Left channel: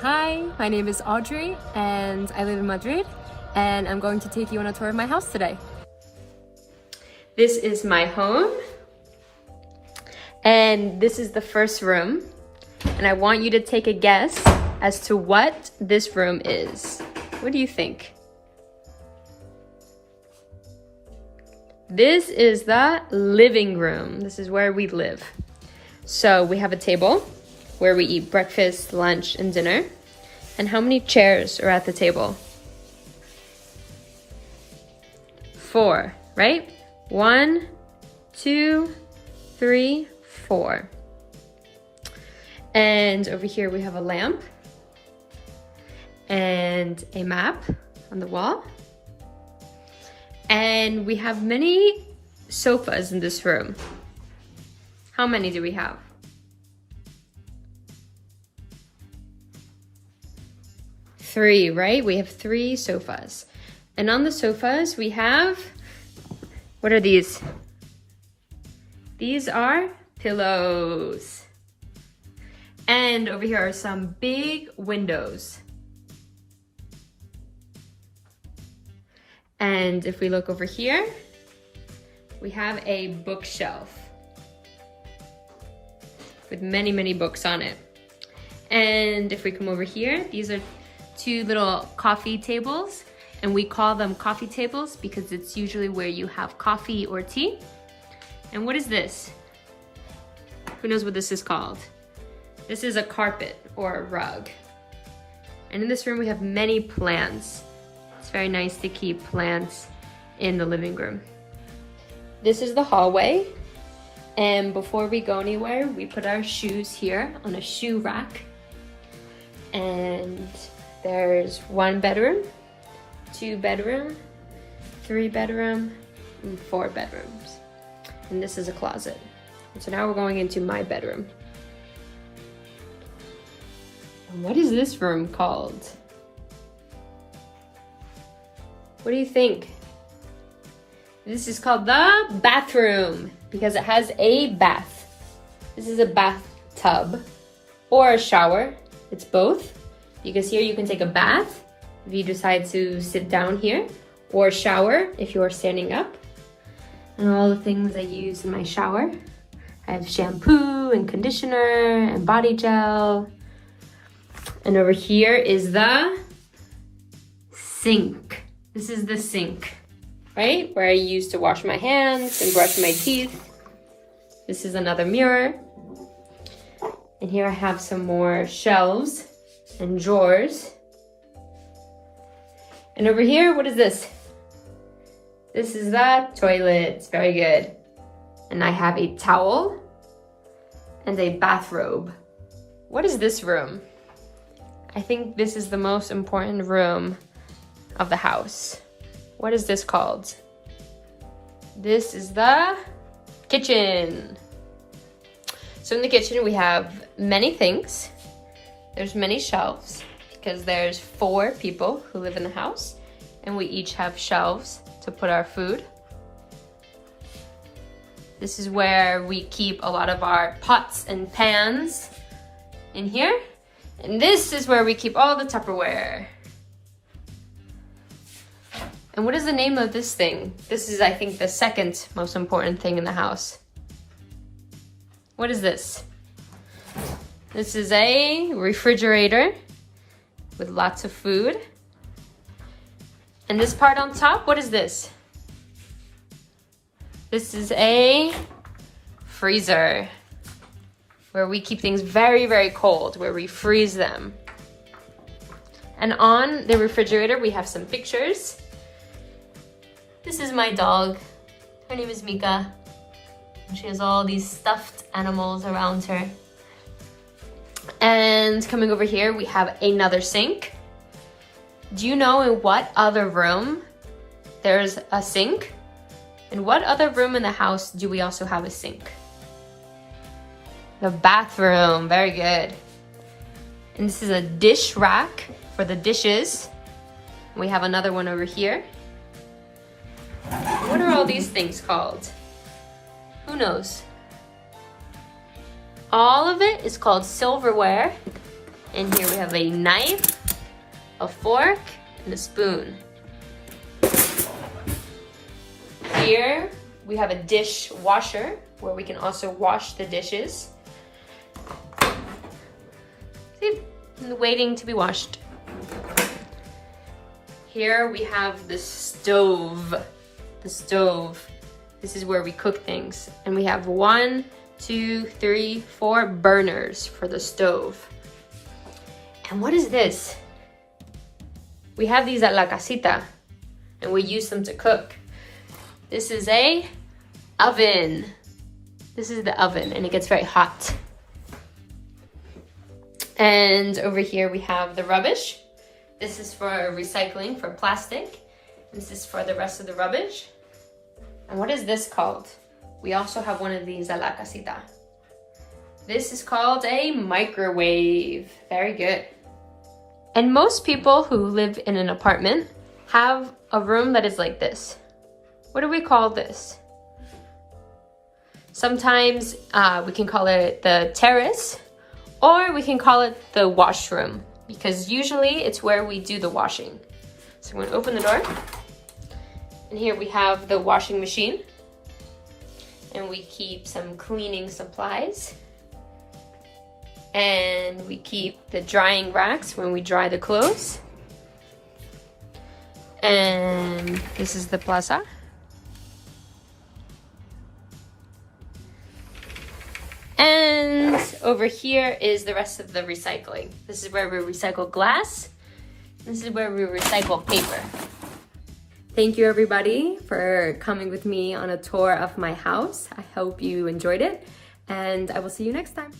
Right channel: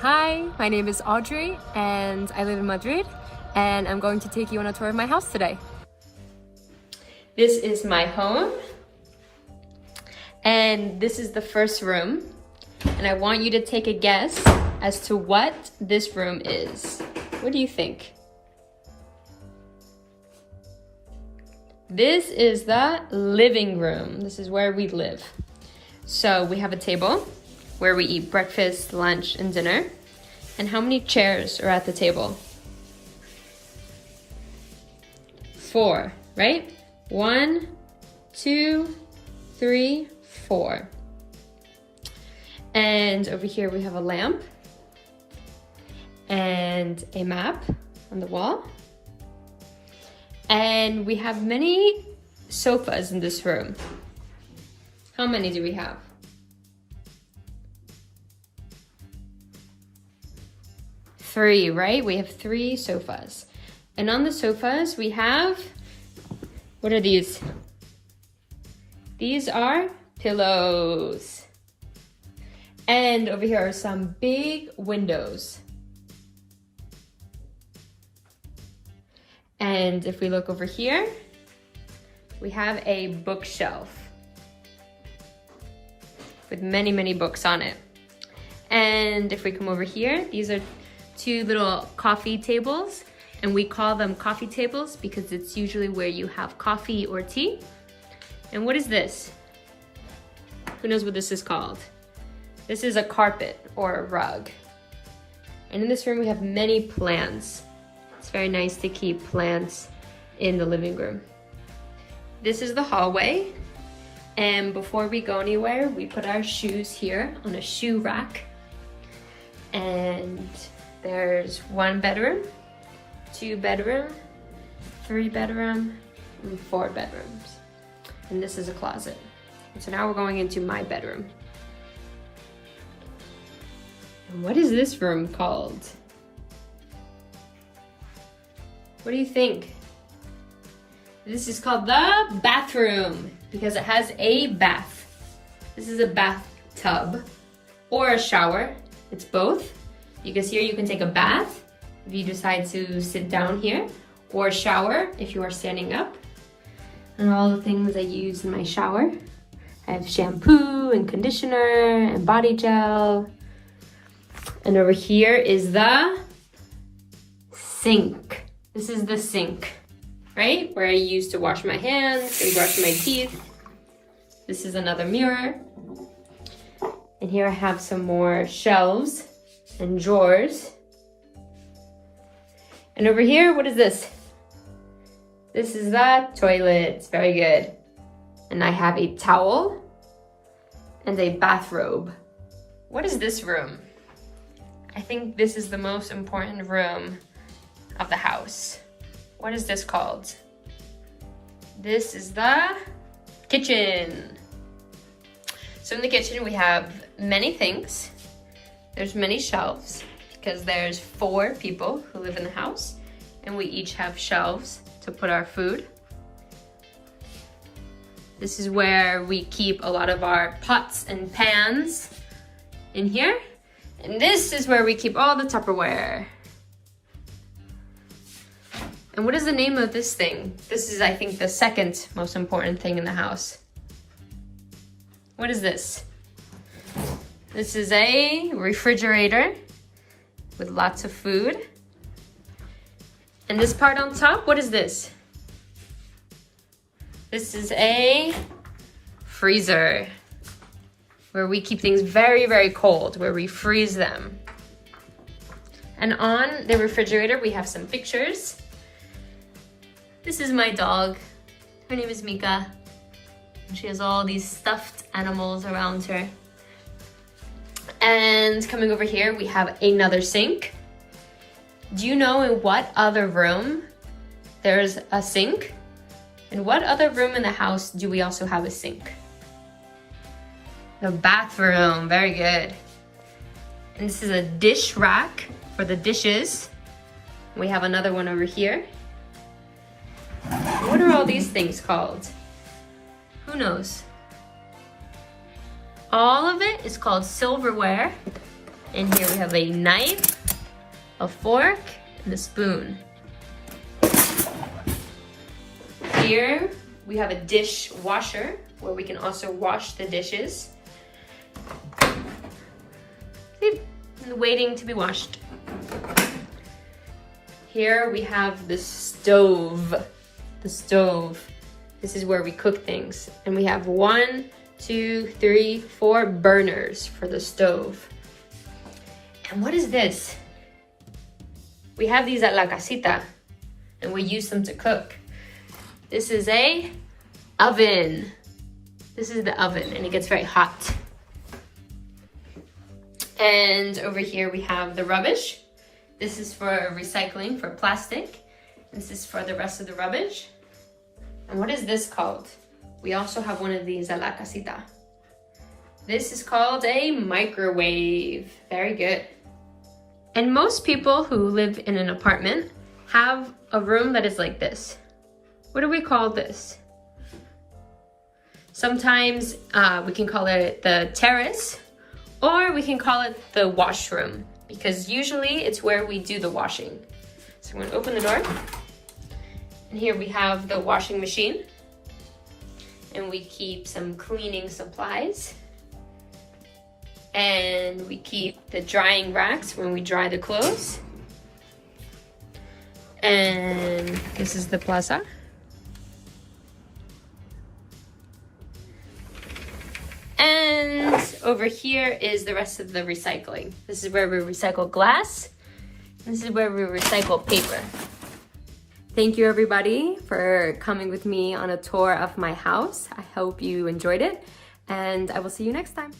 Hi, my name is Audrey and I live in Madrid, and I'm going to take you on a tour of my house today. This is my home and this is the first room, and I want you to take a guess as to what this room is. What do you think? This is the living room. This is where we live. So we have a table where we eat breakfast, lunch, and dinner. And how many chairs are at the table? 4, right? 1, 2, 3, 4. And over here we have a lamp and a map on the wall. And we have many sofas in this room. How many do we have? 3, right? We have 3 sofas. And on the sofas we have, what are these? These are pillows. And over here are some big windows. And if we look over here, we have a bookshelf with many, many books on it. And if we come over here, these are 2 little coffee tables, and we call them coffee tables because it's usually where you have coffee or tea. And what is this? Who knows what this is called? This is a carpet or a rug. And in this room we have many plants. It's very nice to keep plants in the living room. This is the hallway, and before we go anywhere, we put our shoes here on a shoe rack. And there's 1 bedroom, 2 bedroom, 3 bedroom, and 4 bedrooms. And this is a closet. And so now we're going into my bedroom. And what is this room called? What do you think? This is called the bathroom because it has a bath. This is a bathtub or a shower. It's both. Because here you can take a bath if you decide to sit down here, or shower if you are standing up. And all the things I use in my shower. I have shampoo and conditioner and body gel. And over here is the sink. This is the sink, right? Where I use to wash my hands and brush my teeth. This is another mirror. And here I have some more shelves and drawers. And over here, what is this? This is the toilet. Very good. And I have a towel and a bathrobe. What is this room? I think this is the most important room of the house. What is this called? This is the kitchen. So in the kitchen we have many things. There's many shelves because there's 4 people who live in the house, and we each have shelves to put our food. This is where we keep a lot of our pots and pans in here. And this is where we keep all the Tupperware. And what is the name of this thing? This is, I think, the second most important thing in the house. What is this? This is a refrigerator with lots of food. And this part on top, what is this? This is a freezer where we keep things very, very cold, where we freeze them. And on the refrigerator, we have some pictures. This is my dog. Her name is Mika. And she has all these stuffed animals around her. And coming over here, we have another sink. Do you know in what other room there's a sink? In what other room in the house do we also have a sink? The bathroom, very good. And this is a dish rack for the dishes. We have another one over here. What are all these things called? Who knows? All of it is called silverware. And here we have a knife, a fork, and a spoon. Here we have a dishwasher where we can also wash the dishes. See, waiting to be washed. Here we have the stove. The stove. This is where we cook things. And we have 1, 2, 3, 4 burners for the stove. And what is this? We have these at La Casita and we use them to cook. This is a oven. This is the oven and it gets very hot. And over here we have the rubbish. This is for recycling, for plastic. This is for the rest of the rubbish. And what is this called? We also have one of these at La Casita. This is called a microwave. Very good. And most people who live in an apartment have a room that is like this. What do we call this? Sometimes we can call it the terrace, or we can call it the washroom, because usually it's where we do the washing. So I'm gonna open the door. And here we have the washing machine. And we keep some cleaning supplies. And we keep the drying racks when we dry the clothes. And this is the plaza. And over here is the rest of the recycling. This is where we recycle glass. This is where we recycle paper. Thank you everybody for coming with me on a tour of my house. I hope you enjoyed it and I will see you next time.